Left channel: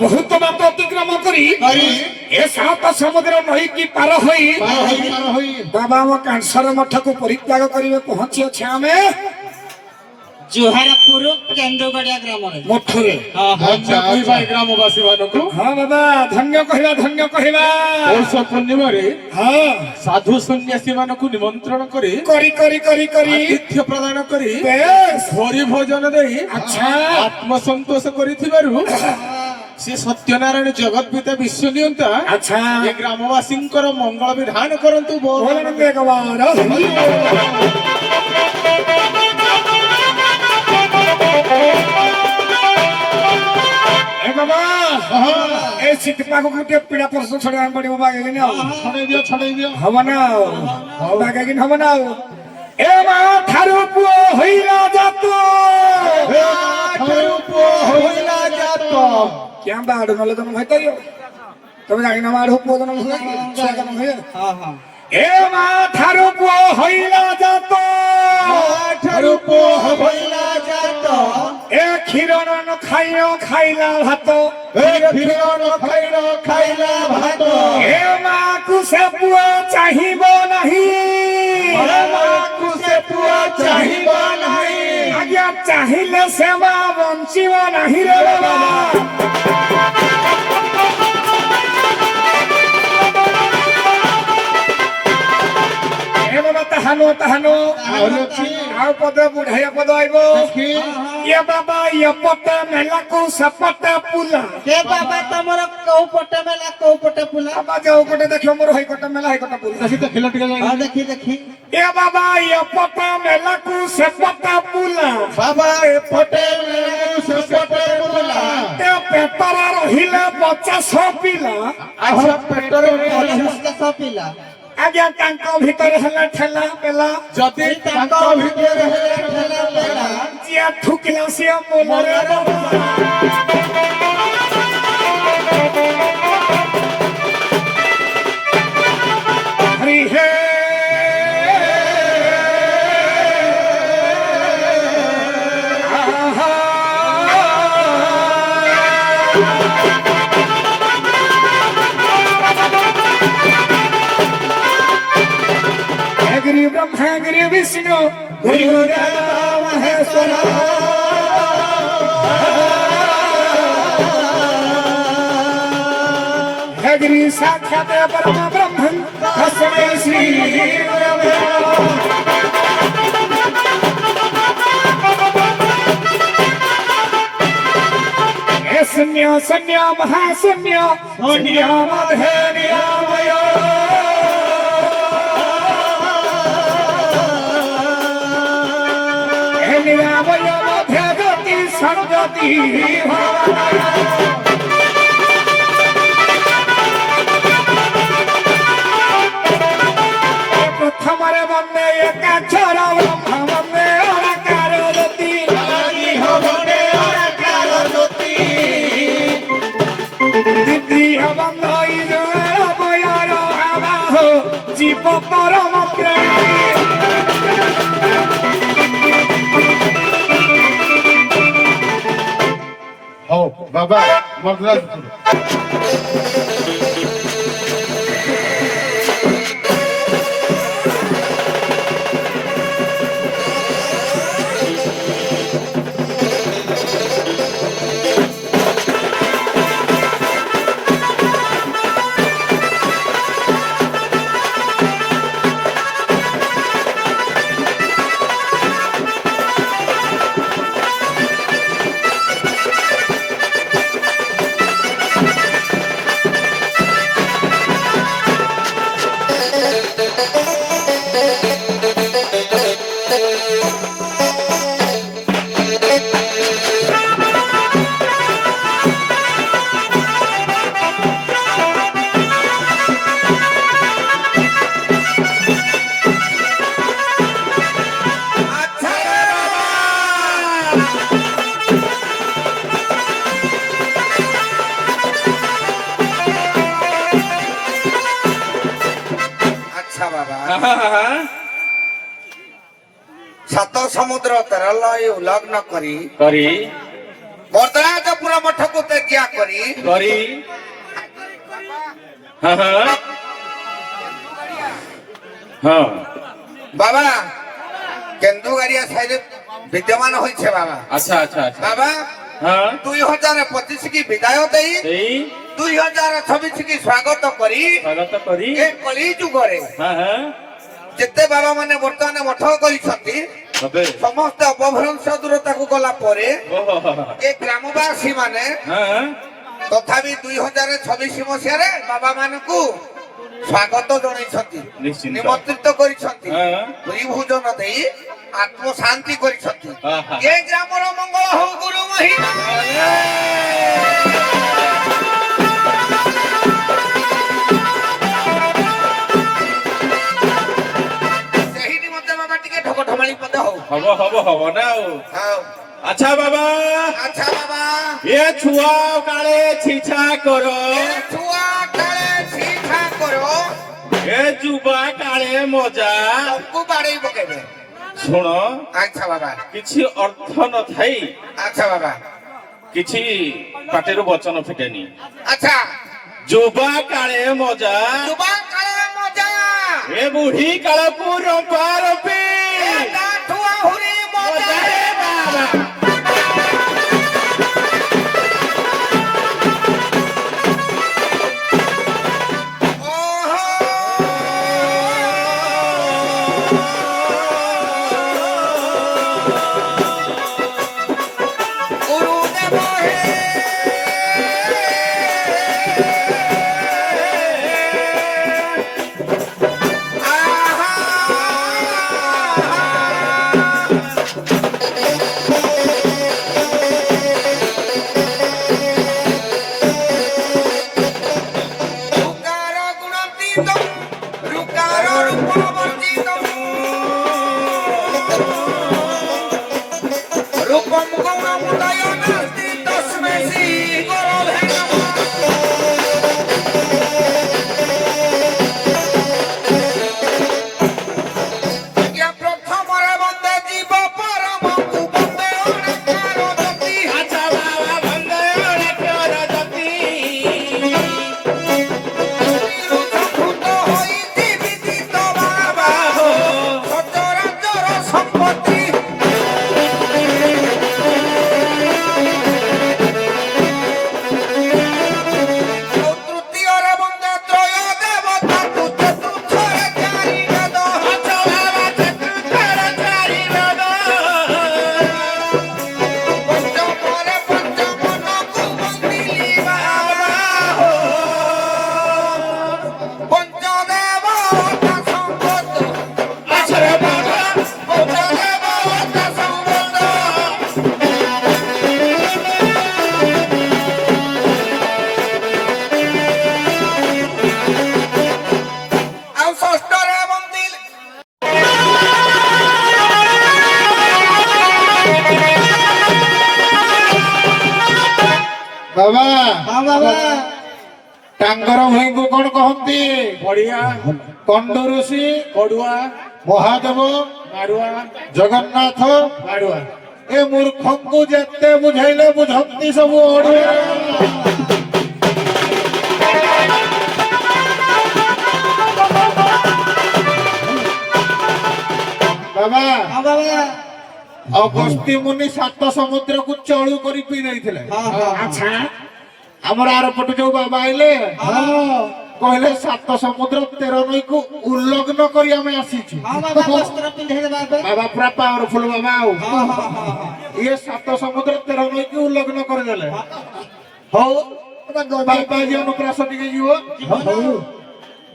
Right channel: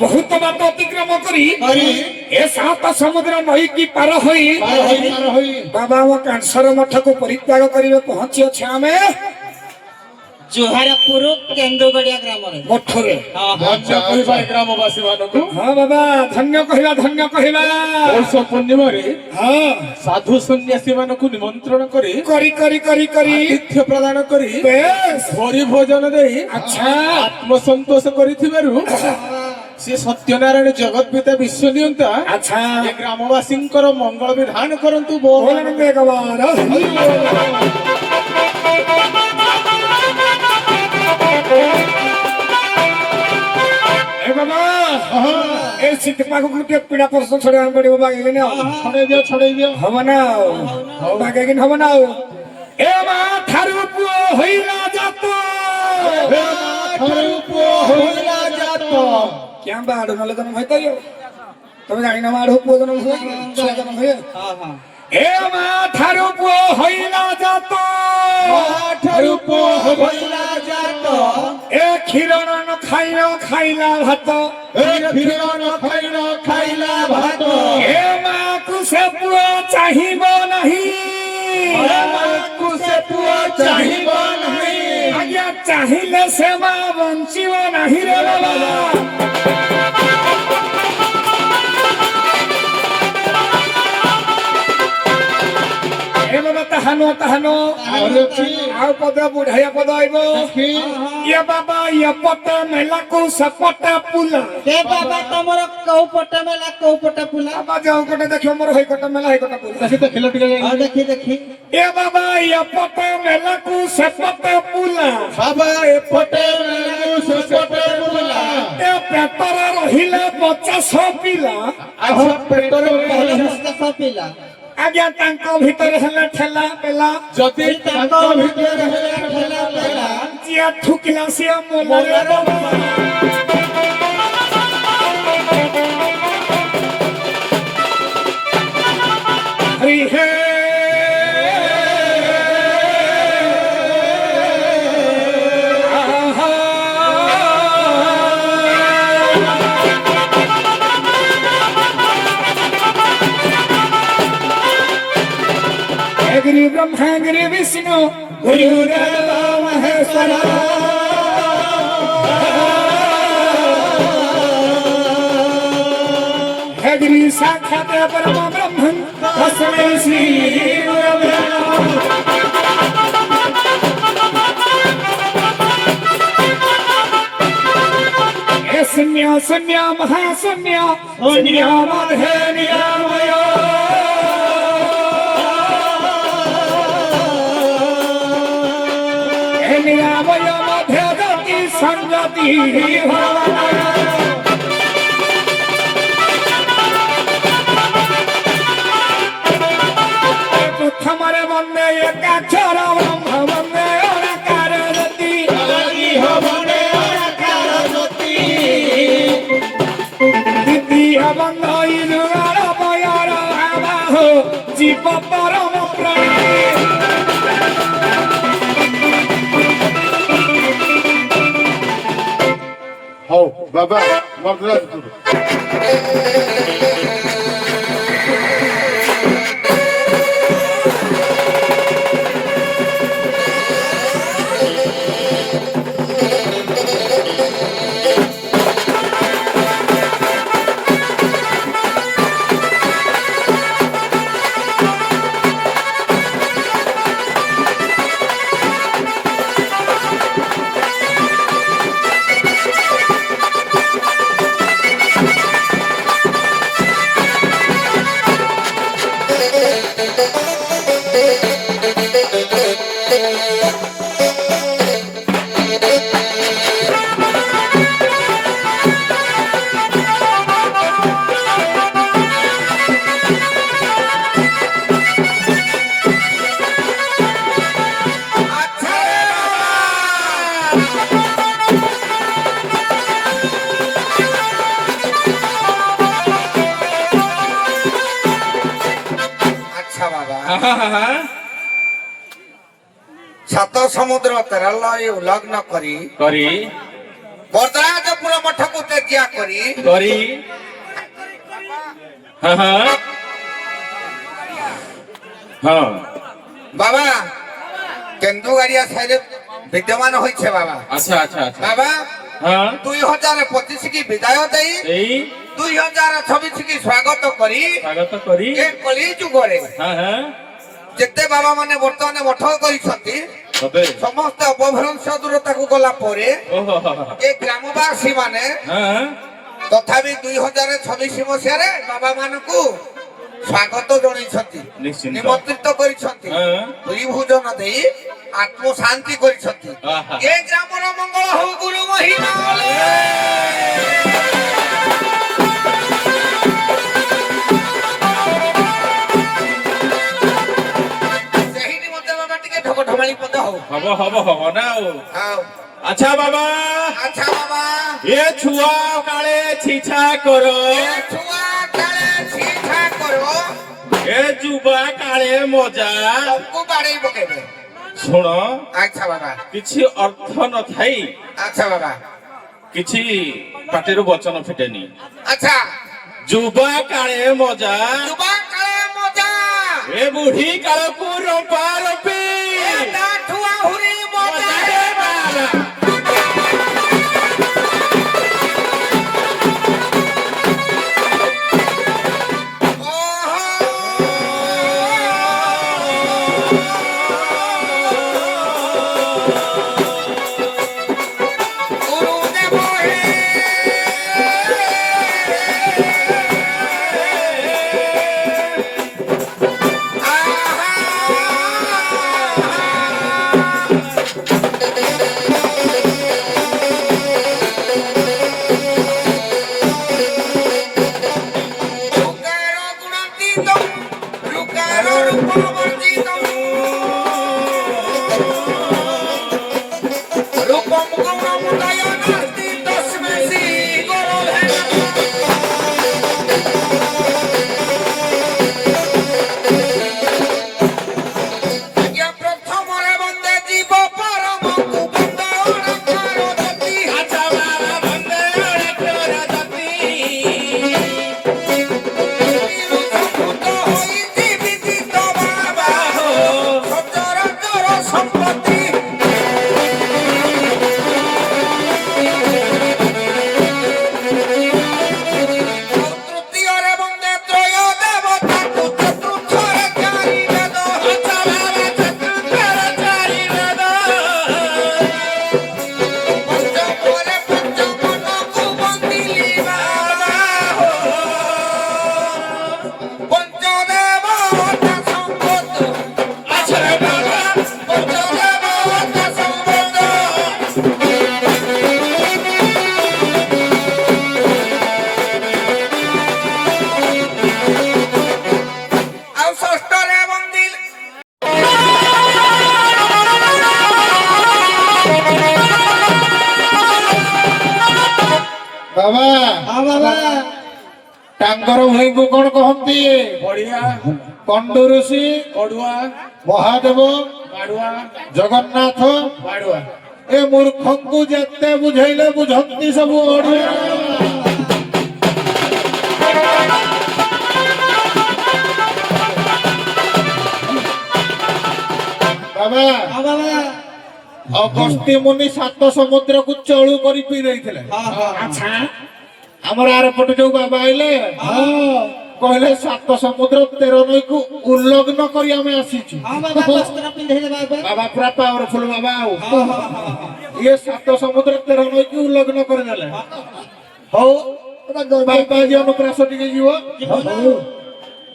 बहुत बात अतिक्रम करी ए सात समुद्र नई की पार होई बाबा कैंसर मठ को परित्याग करिवे पहुंची अछि आमे जोहारपुर केंदुगड़िया ग्राम रे मठ रे धन्य कहबा ग्रामवासी मानकु हां बाबा धन्य कहबा वर्ष पूर्णिमा रे हां साधु सन्यासी मानकु निमंत्रण करी आतिथ्य प्रदान करी बेस भरी भोजन दे अच्छा आत्म संतोष करिथिबारु से सत्यनारायण जगत पिता विश्व नियंता अच्छा ए ग्रामवासींकर मंगल विधान करंतु बोल बोलन एक बार ए बाबा ए सीतपा को के पीड़ा प्रश्न छोड़े पड़े बाबा के ना छड़े दियो हम ना बाबा के हम ना ए मा थारु पुओ होइला जातो हे थारु पुओ होइला जातो क्या बाड़ नले तम भाई कहियो तमे जानि ना माड़ पुओ तम होय हां हां ए मा थारु पुओ होइला जातो थारु पुओ होइला जातो ए खिरोन न खाइला भात ए खिरोन खाइला भात ए मा कुसे पुआ चाहिबो नाही ए मा कुसे पुआ चाहिबो नाही आज्ञा चाहिले सेवा बंचिबो नाही रे बाबा ए बाबा तहानो आउ पद बुढ़ाया पद आइबो ये बाबा ये पट मेला को सपट पुला के बाबा तमरो कौ पटे मेला कौ पटे पुला बाबा जाओ कटे देखियो मोर होई कटे मेला होई कटे पुला देखि त खेल टिका हां देखी ए बाबा ये पट मेला को सपट पुला बाबा ए पटे मेला को सपटे पुला ए पेपर रहिले 50 पिला अच्छा पेटर के पिला आज्ञा तांको भीतर हला ठेला पेला जति ताको भितर हेले ठेला पेला जिया ठुकला से मोला हरि हे गिरि ब्रह्मा गिरि विष्णु गुरुदेव महेश्वर गिरि साक्षात् परम ब्रह्म तस्मै श्री शून्य शून्य महाशून्य शून्य मध्य निरामय निरामय मध्य गति संगति प्रथमरे वंदे एकाक्षर ब्रह्म वंदे अनकार ज्योति वंदे अनकार ज्योति द्वितीय वंदे इरुमयर भाव जीव परम प्रेमी हो बाबा मगराजपुर ସାତ ସମୁଦ୍ର ତେରଲୟ ଉଲ୍ଲଗ୍ନ କରି ବରଦରାଜପୁର ମଠକୁ ତ୍ୟାଗ କରି ବାବା କେନ୍ଦୁଗାଡ଼ିଆ ସାହିରେ ବିଦ୍ୟମାନ ହୋଇছে ବାବା। আচ্ছা আচ্ছা আচ্ছা ବାବା হ্যাঁ 2025 কি বিদায় দেই এই 2026 কি স্বাগত করি স্বাগত করি এ কলি যুগরে হ্যাঁ হ্যাঁ যেতে বাবা মানে বর্তমানে মঠ କରିଛନ୍ତି তবে ସମସ୍ତେ ଅପଭ୍ରଂଶ ଦୂରତାକୁ ଗଲା ପରେ ওহো ଏ ଗ୍ରାମବାସୀ ମାନେ হ্যাঁ ତଥାପି 2026 ମସିହାରେ ବାବା ମାନଙ୍କୁ ସ୍ୱାଗତ ଜଣାଇଛନ୍ତି ନିଶ୍ଚିନ୍ତ। ନିମନ୍ତ୍ରିତ କରିଛନ୍ତି ହଁ। ଦୁଇ ଭୋଜନ ଦେଇ ଆତ୍ମ ଶାନ୍ତି କରିଛନ୍ତି ଆହା। ଏ ଗ୍ରାମର ମଙ୍ଗଳ ହଉ ଗୁରୁ ମହିମା ସେହି ନିମନ୍ତେ ବାବା ଟିକେ ଢକ ଢମାଳି ପଦ ହଉ হব না ହଉ আচ্ছা বাবা ଆଚ୍ଛା ବାବା এ ছুয়া কালে ছিছা করো ଏ ଛୁଆ କାଳେ ଛିଠା କର এ যুবা কালে মজা ସବୁ ବାଡେଇ ପକେଇବେ শুণ ଆଚ୍ଛା ବାବା କିଛି অর্থ নথাই ଆଚ୍ଛା ବାବା କିଛି ପାଟିରୁ ବଚନ ଫିଟେନି ଆଚ୍ଛା ଯୁବା କାଳେ ମଜା ଯୁବା କାଳେ ମଜା ଏ ବୁଢୀ କାଳକୁ ରମ୍ପା ରମ୍ପି ଏ ତାଠୁ ଆହୁରି ମଜା ରେ ବାବା। ଗୁରୁଦେବ ହେ ଲୁକାର ଗୁଣତୀତ ଲୁକାର ରୂପବର୍ଣ୍ଣିତ রূপম গৌরমুদয় নাস্তি তস্মৈ শ্রী গুরবে নমঃ। আজ্ঞা প্রথমরে বন্দে জীব পরমকু বন্দে অনেকার গতি। আচ্ছা বাবা বন্দে অনেকর জাতি নিরু সম্ভূত হইতি বিদিত বাবা হো। সচরাচর সম্পত্তি তৃতীয়রে বন্দে ত্রয় দেবতা তু চতুর্থরে চারি বেদ। আচ্ছা বাবা চতুর্থর চারি বেদ পঞ্চমরে পঞ্চমনকু বন্দিলি বাবা হো। পঞ্চদেবতা সম্পদ আচ্ছা বাবা পঞ্চদেবতা সম্পদ ଆଉ ଷଷ୍ଠରେ ବନ୍ଦିଲ ବାବା ହଁ ବାବା ତାଙ୍କର ଭାଇଙ୍କୁ କଣ କହନ୍ତି? ବଢିଆ କଣ୍ଡ ଋଷି, ପଡୁଆ ମହାଦେବ, ମାଡୁଆ ଜଗନ୍ନାଥ ମାଡୁଆ ଏ ମୂର୍ଖଙ୍କୁ ଯେତେ ବୁଝେଇଲେ ବୁଝନ୍ତି ସବୁ ଅଡୁଆ। ବାବା ହଁ ବାବା ଅଗସ୍ତ୍ୟ ମୁନି 7 ସମୁଦ୍ରକୁ ଚଳୁ କରି ପିଇ ଦେଇଥିଲେ। ହଁ ହଁ ଆଚ୍ଛା ଆମର ଆରପଟେ ଯୋଉ ବାବା ଆଇଲେ କହିଲେ 7 ସମୁଦ୍ର 13 ନଈକୁ ଉଲ୍ଲଗ୍ନ କରି ଆମେ ଆସିଛୁ। ହଁ ବାବା ବସ୍ତ୍ର ପିନ୍ଧେଇ ଦେବା ଏବେ ବାବା ପୁରା ପାୱାରଫୁଲ ବାବା ଆଉ ହଁ ହଁ ହଁ ଇଏ 7 ସମୁଦ୍ର 13 ନଈକୁ ଉଲ୍ଲଗ୍ନ କରିଦେଲେ। ହଉ ବାବା ଆଜି ଅନୁପ୍ରାସ ଟିକେ ଯିବ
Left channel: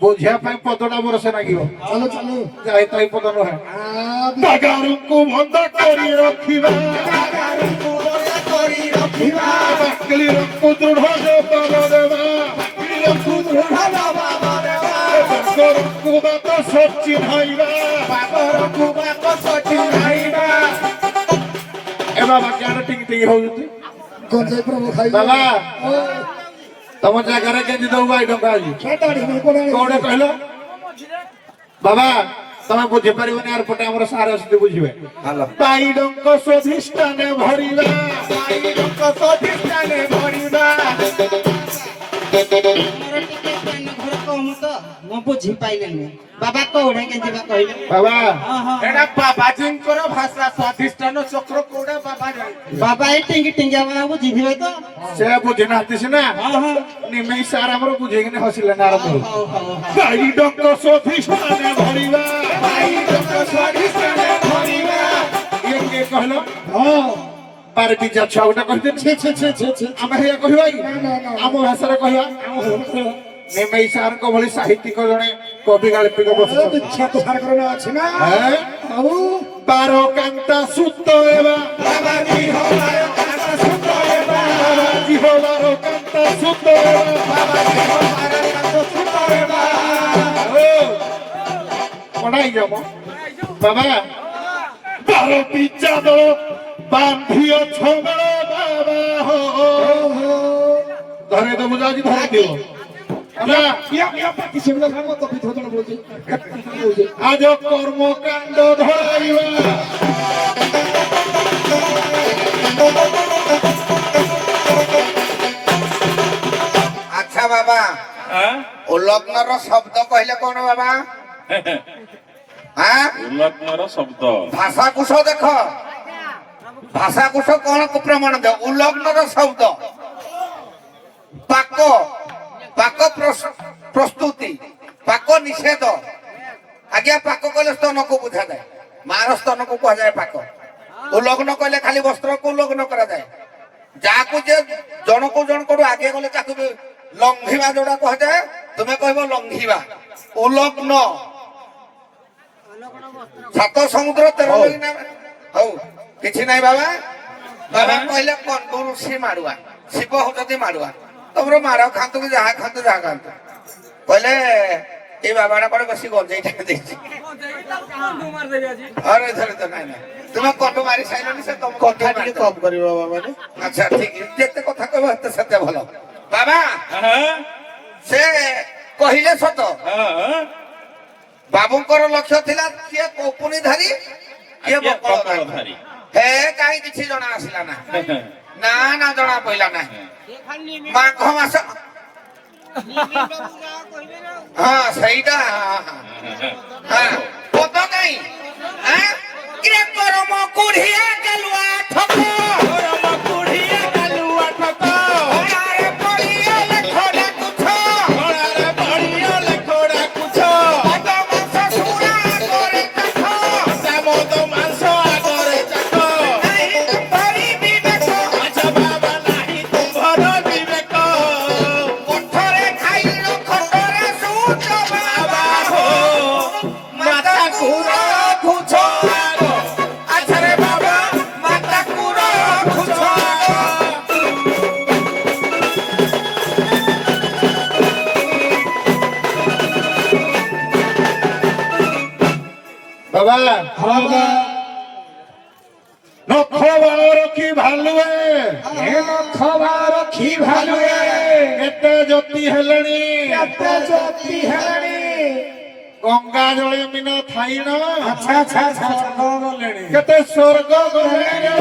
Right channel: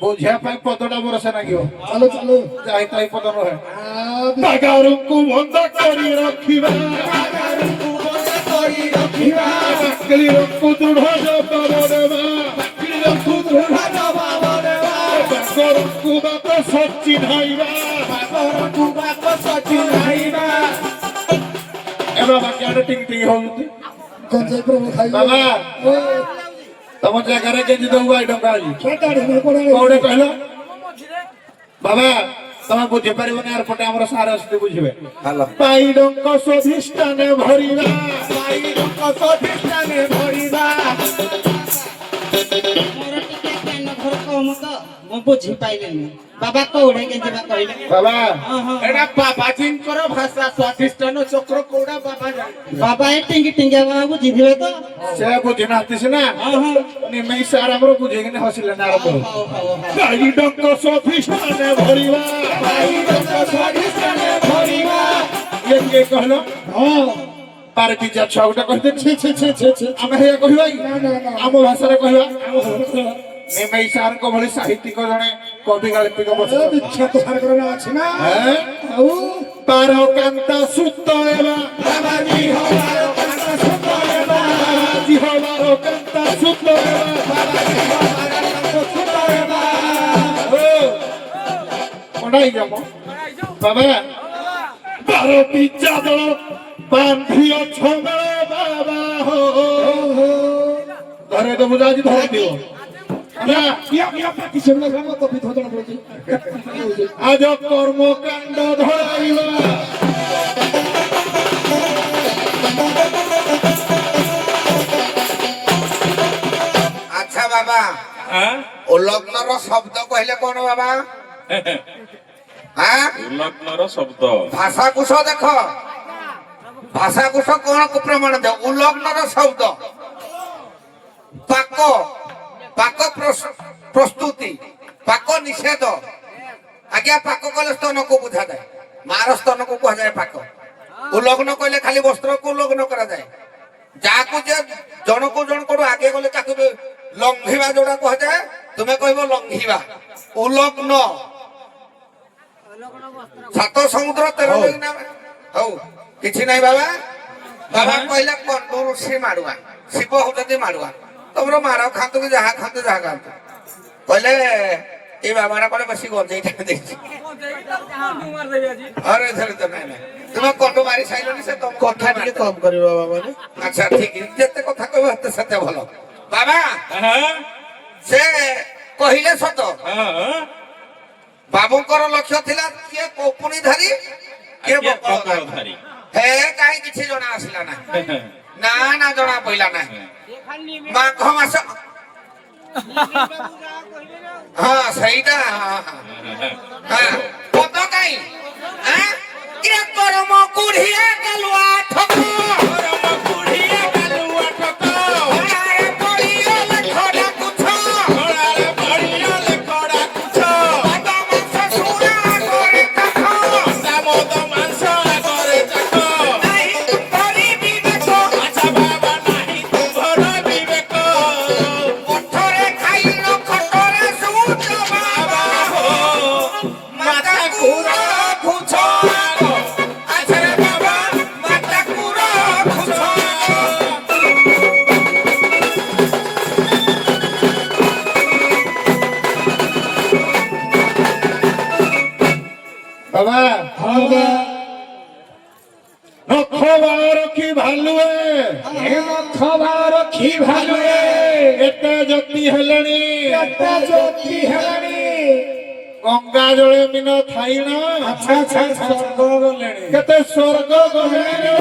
ବୁଝିବା ପାଇଁ ପଦଟା ବରସେ ଲାଗିବ। ଚାଲୁ ଚାଲୁ ଯାଇ ତାଇ ପଦ ନୁହେଁ। ବାଗାରୁଙ୍କୁ ବନ୍ଦ କରି ରଖିବା ବାଗାରୁଙ୍କୁ ଦୃଢ ଜବାବ ଦେବା ବାଗରଙ୍କୁ ବାକ ସଚି ଧାଇବା ଏ ବାବା କିଆଡେ ଟିଙ୍ଗ ଟିଙ୍ଗ ହଉଛନ୍ତି ବାବା ତମ ଜାଗାରେ କେମିତି ଦଉ ଭାଇ ଟଙ୍କା ଆଜି କୋଉଟା କହିଲ বাবা তুমি বুঝি পারিবনি আর পটে আমার সারা আসতে বুঝবে হ্যালো পাইডঙ্ক স্বাধিষ্ঠানে ভরিবা পাইডঙ্ক স্বাধিষ্ঠানে ভরিবা ମୋର ଟିକେ ଜ୍ଞାନ ଘର କମ ତ ମୁଁ ବୁଝି ପାଇଲିନି ବାବା କୋଉଠିକି ଯିବା କହିଲେ বাবা ହଁ ହଁ ଏଟା ବାବାଜୀଙ୍କର ଭାଷା ସ୍ୱାଧିଷ୍ଠାନ ଚକ୍ର କୋଉଟା ବାବା ଜାଣିଥିବେ। ବାବା ଏ ଟିଙ୍ଗି ଟିଙ୍ଗିଆ ବାବା ବୁଝିଥିବେ ତ সে বুঝি নাতি সিনা ହଁ ହଁ নিমেই স্যার আমার বুঝেইনি হসিলে না আরম্ভ ହଉ ହଉ ହଉ পাইডঙ্ক স্বাধিষ্ঠানে ভরিবা পাইডঙ্ক স্বাধিষ্ঠানে ভরিবা কে কহলো পারে পিজা ছউটা কইতে ছি ছি ছি ছি ছি আমি হেয়া কহিবাই ଆମ ଭାଷାରେ କହିବା ନିମେଇ ସାରଙ୍କ ଭଳି ସାହିତ୍ୟିକ ଜଣେ କବି ଗାଳ୍ପିକ ବିଖ୍ୟାତ ସାରଙ୍କର ଅଛି ନା ଆଉ ବାରକାନ୍ତା ସୂତ ହେବା ବାବାଜୀ ହୋ ବାରକାନ୍ତା ସୂତ ହେବା ବାବାଜୀ ହୋ ବାରକାନ୍ତା ସୂତ ହେବା ବାବାଜୀ ହୋ ବାରକାନ୍ତା ସୂତ ହେବା ଓ ପଢାଇ ଯାମ ବାବା ବାର ପିଚା ଦଳ ବାନ୍ଧିଅ ଛବେଳେ ବାବା ହୋ ঘরে তো বুঝা ধরে দিব আজ কর্মকাণ্ড ধরাইবা আচ্ছা বাবা উল্লগ্নর শব্দ কহিলে কোন বাবা হ্যাঁ উল্লগ্নর শব্দ ভাষাকুশ দেখ ভাষাকুশ কোন প্রমাণ দেয় উল্লগ্নর শব্দ পাক পাক প্রস্তুতি পাক নিষেধ আজ্ঞা পাক কলে স্তনকু বুঝা যায় মার স্তনকু কুয়া যায় পাক উল্লগ্ন কলে খালি বস্ত্রকু উল্লগ্ন করা যায় যাকু যে জনকু জনকু আগে গলে তাকে লঙ্ঘিবা যোটা কুয়া যায় তুমি কইব লঙ্ঘিবা উল্লগ্ন সাত সমুদ্র 13 দিন হউ কিছু নাই বাবা বাবা কইলে কন্ট্রোসি মারুয়া শিব হউতি মারুয়া তোমরা মারাও খান্তু কি যাহা খান্তু যাহা খান্তু কইলে এই বাবাটা করে বসি গঞ্জাইটা দেইছি আরে ধরে তো নাই না তুমি কন্ট্রো মারি সাইলনি সে তুমি କଥା ଟିକେ କମ କରିବ ବାବା ରେ। আচ্ছা ঠিক যেতে কথা কইব হেতে সতে ভালো বাবা সে কহিলে সত বাবুଙ୍କର লক্ষ্য ଥିଲା କିଏ କୌପୁନି ଧାରୀ କିଏ ବକଳ ଧାରୀ হে কাই কিছু জনা আসিলা না না না জনা পইলা না মাঘ মাস হ্যাঁ সেইটা হ্যাঁ কত কাই হ্যাঁ কে করম কুড়িয়ে গেলুয়া ঠক করম কুড়িয়ে গেলুয়া ঠক ওড়ারে পড়িয়ে লেখড়া কুছ ওড়ারে পড়িয়ে লেখড়া কুছ মদ মাংস শুয়া করে চাখ মদ মাংস করে চাখ নাহি তুমরি বিবেক আচ্ছা বাবা নাহি তুমর বিবেক পথরে খাইল খটরে সুচ বাবা হো মাতা কুড় খুছ আচ্ছা রে বাবা মাতা কুড় খুছ বাবা নখবার কি ভালুয়ে নখবার কি ভালুয়ে এতে জ্যোতি হেলানি এতে জ্যোতি হেলানি গঙ্গা জলে মিন থাই না আচ্ছা আচ্ছা আচ্ছা স্বর্গ গলেনি কেতে স্বর্গ গলেনি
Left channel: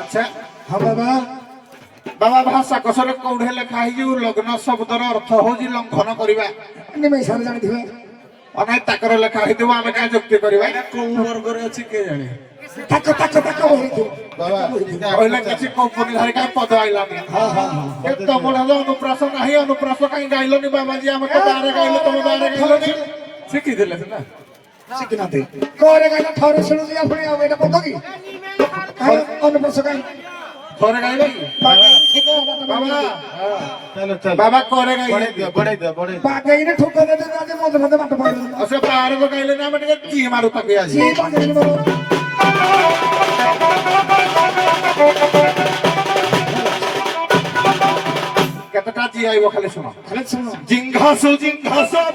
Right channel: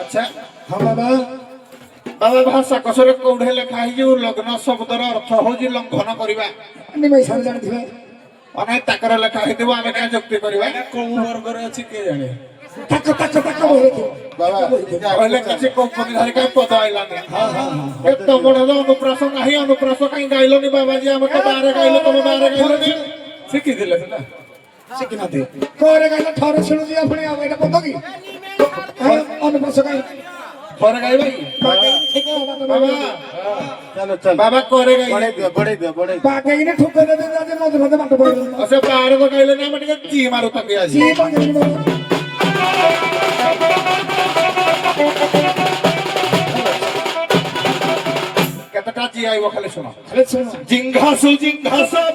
আচ্ছা হ্যাঁ বাবা বাবা ভাষা কষরে কোড়ে লেখা হয়েছে লগ্ন শব্দর অর্থ হচ্ছে লঙ্ঘন করা নিমেই সার জানিথিবে অনেক তাকরে লেখা হইতিব আমি কা যুক্তি করিবা କୋଉ ବର୍ଗରେ ଅଛି କିଏ ଜାଣେ। তাক তাক তাক বলতো বাবা কইলে কিছু কোম্পানি ধারে কা পদ আইলানি হ্যাঁ হ্যাঁ এত বড় অনুপ্রাস নাই অনুপ্রাস কাই গাইলনি বাবাজি আমি তো বারে গাইলো তুমি বারে গাইলনি ଶିଖିଥିଲେ ସେଟା শিখিনাতে করে গাইলা ঠরে শুনু দিয়া আপনি এটা পদ কি অনুপ্রাস কাই করে গাইবে বাবা চলো চল বাবা করে গাই বড়াই দে বাগাই না ঠোকা দে দে মত মত মাঠ পড়ে ওসে পাহাড় তো গাইলে না আমি টি মারু তাকে আসি কতটা জি আইব খালি শোনো জিংঘাসু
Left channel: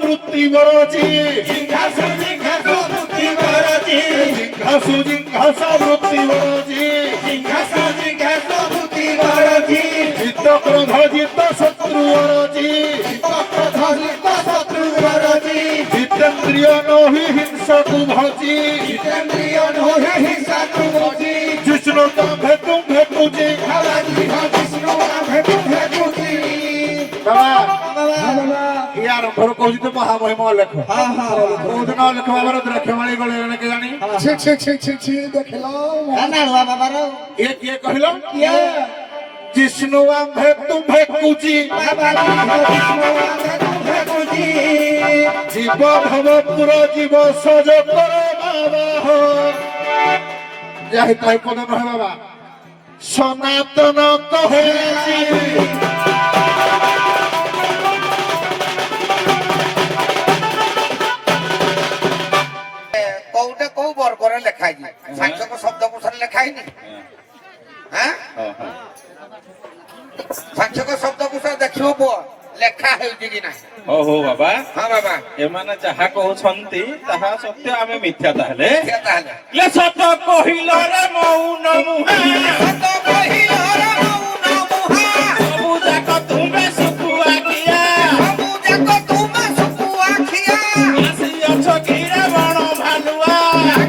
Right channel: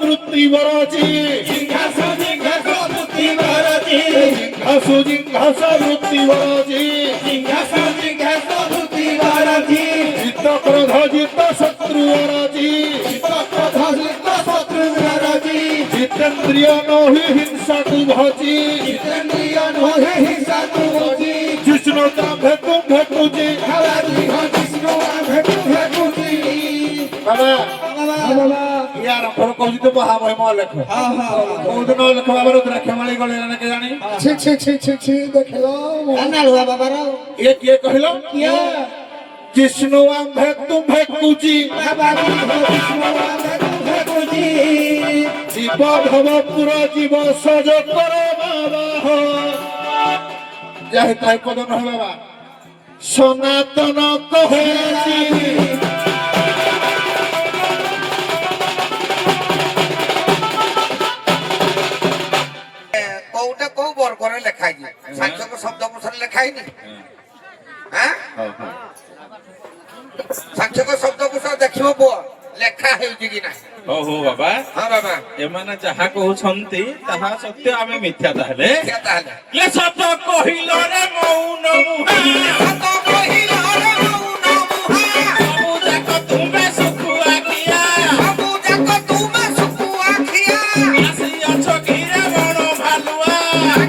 বৃত্তি বরাজি জিংঘাসু বৃত্তি বরাজি জিংঘাসু বৃত্তি বরাজি জিংঘাসু বৃত্তি বরাজি চিত্র କ୍ରୋଧ ଜିତ ଶତ୍ରୁ ଅରଜି ଜିତେନ୍ଦ୍ରିୟ ନୋହି ହିଂସକୁ ଭଜି ଜିଷ୍ଣୁ ତ ଭେଟୁ ଭେଟୁଛି ইয়ার ঘর কହୁଛି ତ ମହାମହିମ ଲେଖ କୋଉଦିନ ଲେଖ ବାବାର ଦ୍ରାକ୍ଷମାଳି ଗଲେ କେଜାଣି ନାଳୁଆ ବାବାର ଇଏ କିଏ କହିଲ ଜିଷ୍ଣୁ ଆମ୍ଭେ ତୁମ୍ଭେ କୁଚି জীব ভবপুর জীব সজ কর বাবা যাই তাই পদ নহে বাবা সনাতন কহেছি କୋଉଟା କୋଉ ବର୍ଗରେ ଲେଖା ହେଇଛି ସାଂଖ୍ୟକ ଶବ୍ଦକୋଷରେ ଲେଖା ହେଇନି ସାଂଖ୍ୟକ ଶବ୍ଦକୋଷ ଦେଖିବ ପୁଅ ଲେଖା ହେଉଛି କି ନାହିଁ ହଉ ହଉ ବାବା ହଁ ବାବା ଏମାନେ ଯାହା କହୁଛନ୍ତି ତାହା ସତ୍ୟ ଆମେ ମିଥ୍ୟା ତାହେଲେ ତାହେଲେ ସତ କହିଲ ରେ ମୌନ ମୁହାଁ ସତ କହିଲ ରେ ମୌନ ମୁହାଁ ସବୁ ଯାକ ତୁମେ ଶୁଖୁଆ ଖିଆ ସବୁ ଯାକ ତୁମେ ଶୁଖୁଆ ଖିଆ ଆସିଅଛ କ୍ଷୀର ବଣ ଭାଲୁଆ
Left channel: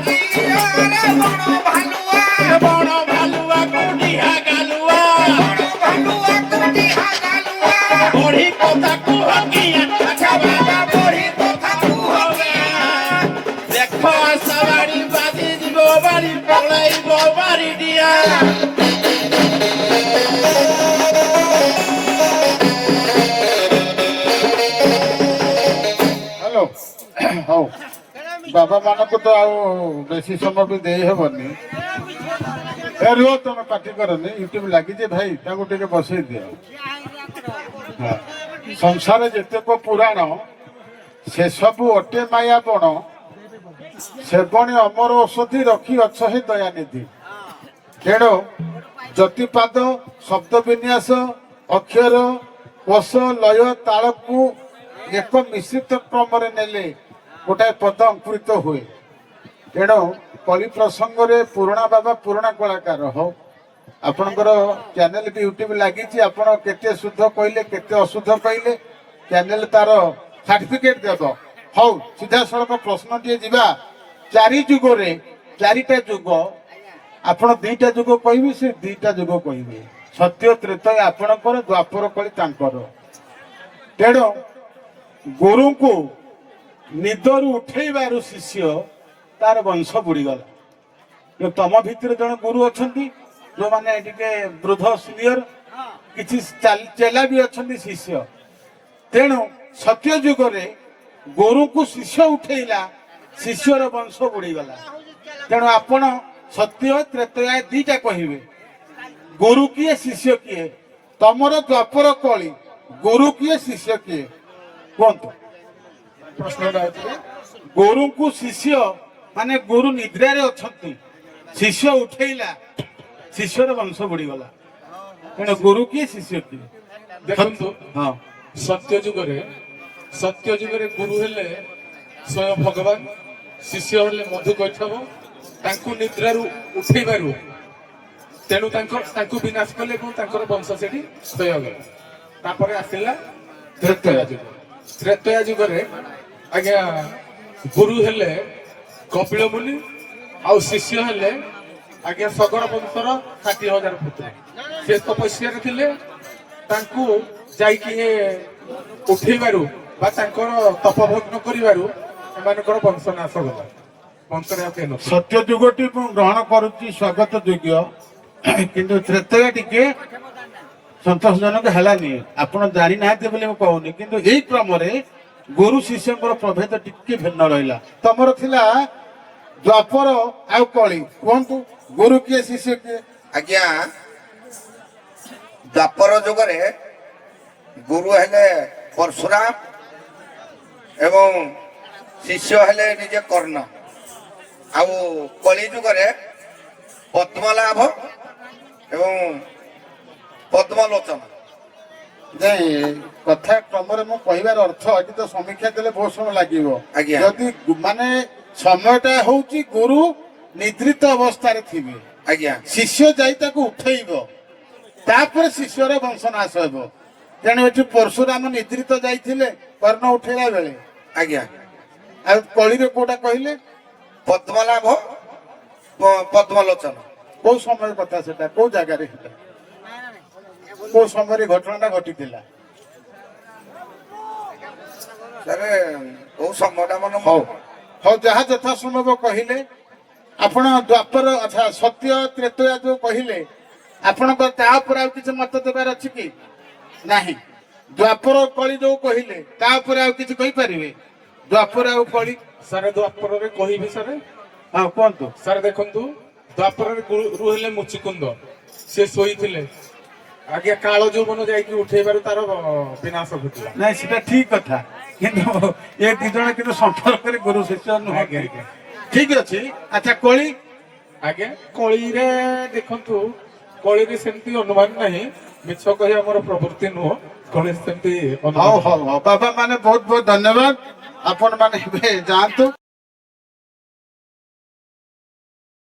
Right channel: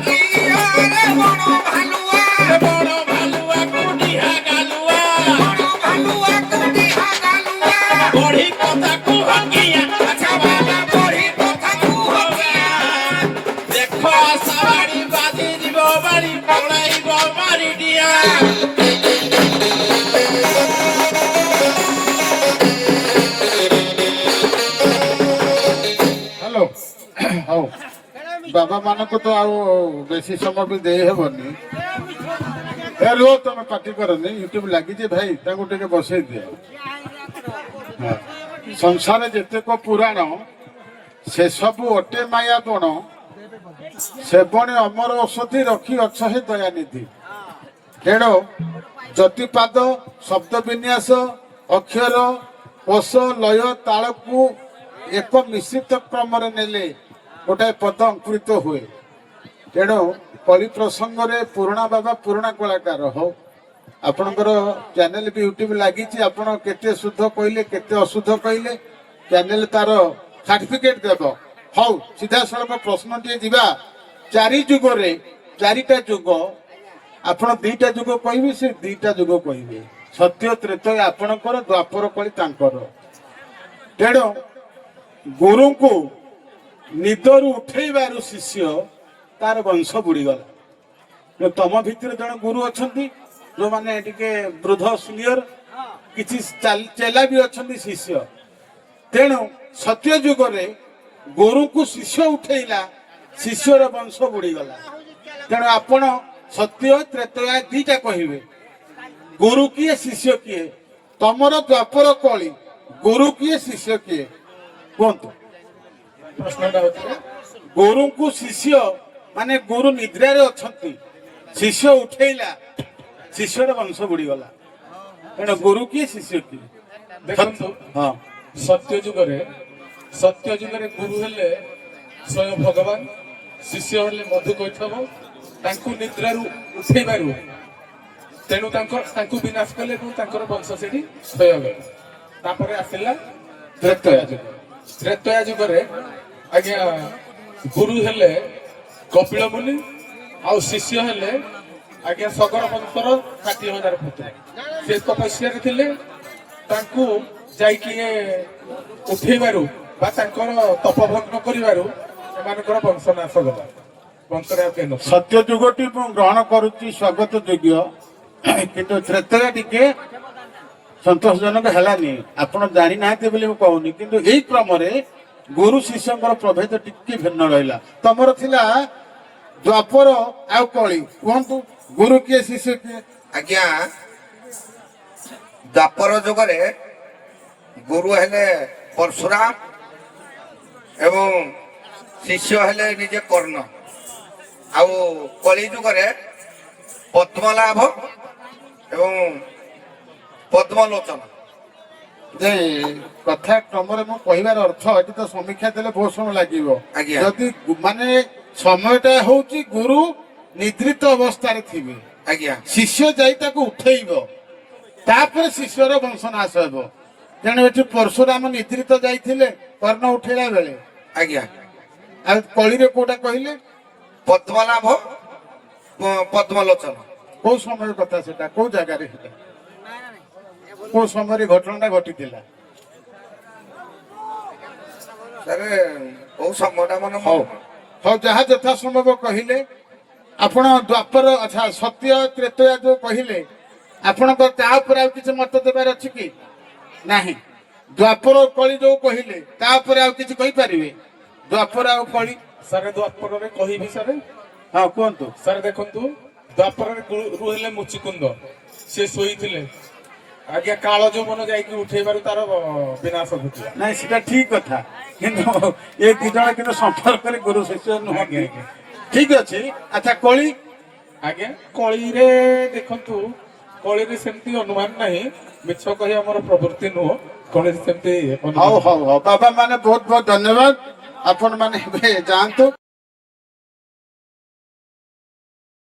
କ୍ଷୀରରେ ବଣ ଭାଲୁଆ ବଣ ଭାଲୁଆ କୁଡ଼ିଆ ଗାଲୁଆ ବଣ ଭାଲୁଆ କୁଡ଼ିଆ ଗାଲୁଆ ବଢି କଥା କୁହ କିଆ ଆଚ୍ଛା ବାବା ବଢି କଥା କୁହ କିଆ ଦେଖ ଆଶା ବାଡ଼ି ବାଜି ଯିବ ବାଡ଼ି ପଳାଇବ ବାରି ଡିଆ হ্যালো হଉ ବାବା ମାନଙ୍କୁ ତ ଆଉ ବେଶୀ ସମୟ ବି ଦେଇ ହେବନି ଏ ରୁହ ତମେ ପାଟି କରନି ୟୁଟ୍ୟୁବ ଲାଗିଛି ଭାଇ ତାଙ୍କୁ ଟିକେ ବସେଇ ଦିଅ ହଁ। ସଂସାରେ ଯେତେକ ପୁରାଣ ସେସବୁ ଅଟେ ମାୟା ବଣ ସେବଣୀ ଅମର ଔଷଧି ରଖି ଅଛ ହେ ଦୟାନିଧି ତେଣୁ ଜ୍ୟୋତିପାଦ ଶବ୍ଦ ବିନ୍ୟାସ ଅକ୍ଷର କୋଷ ଲୟ ତାଳକୁ ଏକ ମିଶ୍ରିତ କ୍ରମରେ ନେଲେ ଗୋଟାଏ ପଦ ଅଙ୍କୁରିତ ହୁଏ ତେଣୁ କଳି ପ୍ରସଙ୍ଗରେ ପୁରୁଣା ବାବା ପୁରୁଣା କଳାକାର ହଉ ଆପଣଙ୍କର ଚ୍ୟାନେଲ ବି ୟୁଟ୍ୟୁବ ଲାଗିଛି ଆପଣ କେତେ ଶୁଦ୍ଧ କହିଲେ କେତେ ଅଶୁଦ୍ଧ କହିଲେ ଚ୍ୟାନେଲ ତାର ସାର୍ଟିଫିକେଟ ଦେବ ହଉ ସିଧାସଳଖ ପ୍ରଶ୍ନଟିଏ ଯିବା ଚାରି ଯୁଗରେ ଚାରିଟା ଯୁଗ ଆପଣ ଦିଟା ଯୁଗ କହିବେ ସେ ଦିଟା ଯୁଗ କହିବେ ସତ୍ୟ ତ୍ରେତୟ ଆପଣଙ୍କର ଦ୍ୱାପର କଳି ତାଙ୍କର ତେଣୁ ଗୁରୁଙ୍କୁ ନିଦରୁ ଉଠେଇବାରୁ ଶିଷ୍ୟ ତାର ବଂଶ ବୁଡ଼ିଗଲା ତମ ଭିତରେ ଜଣେ ଗୁରୁ ଅଛନ୍ତି ଯୋଉମାନେ ଟିକେ ବୃଦ୍ଧ ସିନିୟର କିଛି ଚେଲା ବି ଅଛନ୍ତି ଶିଷ୍ୟ ତେଣୁ ସତ୍ୟ ଯୁଗରେ ଗୁରୁଙ୍କୁ ଶିଷ୍ୟ ଉଠେଇଲା ଶିଷ୍ୟର ବଂଶ ବୁଡ଼ିଗଲା ତେଣୁ ଆପଣ ସତ୍ୟ ତ୍ରେତୟା ଦିଟା କହିବେ ଗୁରୁ କିଏ ଶିଷ୍ୟ କିଏ ତମର ଦ୍ୱାପର କଳି ଗୁରୁ କିଏ ଶିଷ୍ୟ କିଏ କୁହନ୍ତୁ ପ୍ରଶ୍ନଟା ହଉଛି ଗୁରୁଙ୍କୁ ଶିଷ୍ୟ ମାନେ ଗୁରୁ ନିଦ୍ରାରେ ଅଛନ୍ତି ଶିଷ୍ୟ ଉଠେଇଲା ଶିଷ୍ୟର ବଂଶ ବୁଡ଼ିଗଲା ତେଣୁ ଗୁରୁ କିଏ ଶିଷ୍ୟ କିଏ ଦେଖନ୍ତୁ ହଁ ସତ୍ୟ ଯୁଗରେ ଗୁରୁ ହେଲେ ସ୍ୱୟଂ ଭଗବାନ ଶିଷ୍ୟ ହେଲେ ମଧୁ କୈଠବ ତାଙ୍କୁ ନିଦ୍ରାରୁ ଉଠେଇବାରୁ ତେଣୁ ତାଙ୍କୁ ବିନାଶ କଲେ ଏବଂ ତାଙ୍କର ବଂଶ ସେଠି କ୍ଷୟ ଗଲା ତାପରେ ଆସିଲା ତ୍ରେତୟା ଯୁଗରେ ଆଜ୍ଞା ଗୁରୁ ହେଲେ କପିଳ ମୁନି ଆଉ ଶିଷ୍ୟ ହେଲେ ଆଜ୍ଞା ସଗର ବଂଶର 60,000 ପୁତ୍ର ସେ ତପସ୍ୟାରେ ଥିଲେ ତାଙ୍କୁ ଯାଇକି ଉଠେଇବାରୁ ବା ତାଙ୍କର ତପଭଗ୍ନ କରିବାରୁ ଏମାନଙ୍କର ବଂଶ ନାଶ ଗଲା ବଂଶରେ ଆଉ କେହି ନଥିଲେ। ସତ୍ୟ ଯୁଗଟି ମୁଁ ଗ୍ରହଣ କରୁଛି ସ୍ୱାଗତ ଯୋଗ୍ୟ କିନ୍ତୁ ତ୍ରେତୟା ଟିକେ ସନ୍ତୋଷଜନକ ହେଲାନି ଆପଣ ଜାଣିନାହାନ୍ତି ବୋଲି ମୁଁ କହୁନି କିନ୍ତୁ ଏଇ କ୍ରମରେ ଗୁରୁ ଶିଷ୍ୟଙ୍କର ପ୍ରଭେଦ ଟିକେ ଭିନ୍ନ ରହିଲା ତମର ଥିଲା ଦ୍ୱାପର ଆଉ କଳି କୁହନ୍ତୁ ଗୁରୁ କିଏ ଶିଷ୍ୟ କିଏ ଆଜ୍ଞା ଦ୍ୱାପର ଯୁଗରେ ଗୁରୁ ହେଲେ ପରଶୁରାମ ଏବଂ ଶିଷ୍ୟ ହେଲେ ନିଜେ କର୍ଣ୍ଣ ଆଉ କଳି ଯୁଗରେ ପଦ୍ମଲାଭ ଏବଂ ପଦ୍ମଲୋଚନ କଥା କ୍ରମରେ ମୁଁ କହିବାର ଅର୍ଥ ଏଠି ତ ସମୀକ୍ଷା ଦେଲେ ବହୁତ ସମୟ ଲାଗିବ ଆଜ୍ଞା। ଯଦି ମାନେ ସମୟଟା ହଉଛି ଗୁରୁ ନିଦ୍ରିତ ଅବସ୍ଥାରେ ଥିବେ ଆଜ୍ଞା ଶିଷ୍ୟ ଯାଇ ତାକୁ ଉଠେଇବ ତାପରେ ଶିଷ୍ୟର ବଂଶନାଶ ହେବ। ତେଣୁ ଏଠି ପରଶୁରାମ ନିଦ୍ରିତ ଯାଇଥିଲେ କର୍ଣ୍ଣ ଉଠେଇଲା ବେଳେ। ଆଜ୍ଞା ଆଉ କଳିରେ କୋଉଟା କହିଲେ? ପଦ୍ମନାଭ ପଦ୍ମଲୋଚନ କୋଉ ସମୟ କଥା ସେଟା? କୋଉ ଜାଗାରେ ହେଲା? କୋଉ ସମୟରେ ଘଟଣାଟା ଘଟିଥିଲା? ସାରେ କୋଉ ସମୟଟା ମନେ ହଉ ହଉ, ଯାହା ଯଥା ସମ୍ଭବ କହିଲେ। ଆପଣ ଦ୍ୱାପର ଆଚ୍ଛା ସତ୍ୟ ତ୍ରେତୟା ଯୋଉ କହିଲେ, ଆପଣଙ୍କ ତା ଉପରେ ଆଉ କିଛି ମତ ଦେବାର ଅଛି କି? ନାହିଁ। ଦ୍ୱାପର କଳି ଯୋଉ କହିଲେ ତା ଉପରେ ଆଉ କିଛି କହିପାରିବେ? ଦ୍ୱାପର ଆଉ କଳି? ସାରେ ଦ୍ୱାପରରେ କହିବି ସାରେ। ହଁ କୁହନ୍ତୁ। ସାର୍ ଦେଖନ୍ତୁ, ଦ୍ୱାପରରେ ଗୁରୁ ହେଲେ ମୁଚିକୁନ୍ଦ, ସେ ଶୋଇଥିଲେ। ଆଜ୍ଞା କାଳ ଯୌବନ ଯାଇକି ଉଠେଇବାରୁ ତାର ବିନାଶ ଘଟିଲା। ନାଇଁ ସେଟା ଠିକ କଥା, କିନ୍ତୁ ଏ ଦି ଜଣ କିନ୍ତୁ ସମ୍ପର୍କରେ ଗୁରୁ ଶିଷ୍ୟ ନୁହଁ। ଆଜ୍ଞା ଆଜ୍ଞା ଠିକ ଅଛି। ଆଚ୍ଛା କଳି? ଆଜ୍ଞା କଳିରେ ଦେଖନ୍ତୁ, କଳିରେ ସେମିତି ଅନୁମାନ ନାହିଁ, ମିଛ କହିବା ଆମର ପ୍ରବୃତ୍ତି ନୁହଁ। କଳିରେ ସେମିତି ଅନୁମାନ ହଉ ହଉ ହଉ, ବାବା ମାନେ ବହୁତ ବହୁତ ଧନ୍ୟବାଦ। ଆପଣ ମାନେ ଏବେ ଯାଆନ୍ତୁ।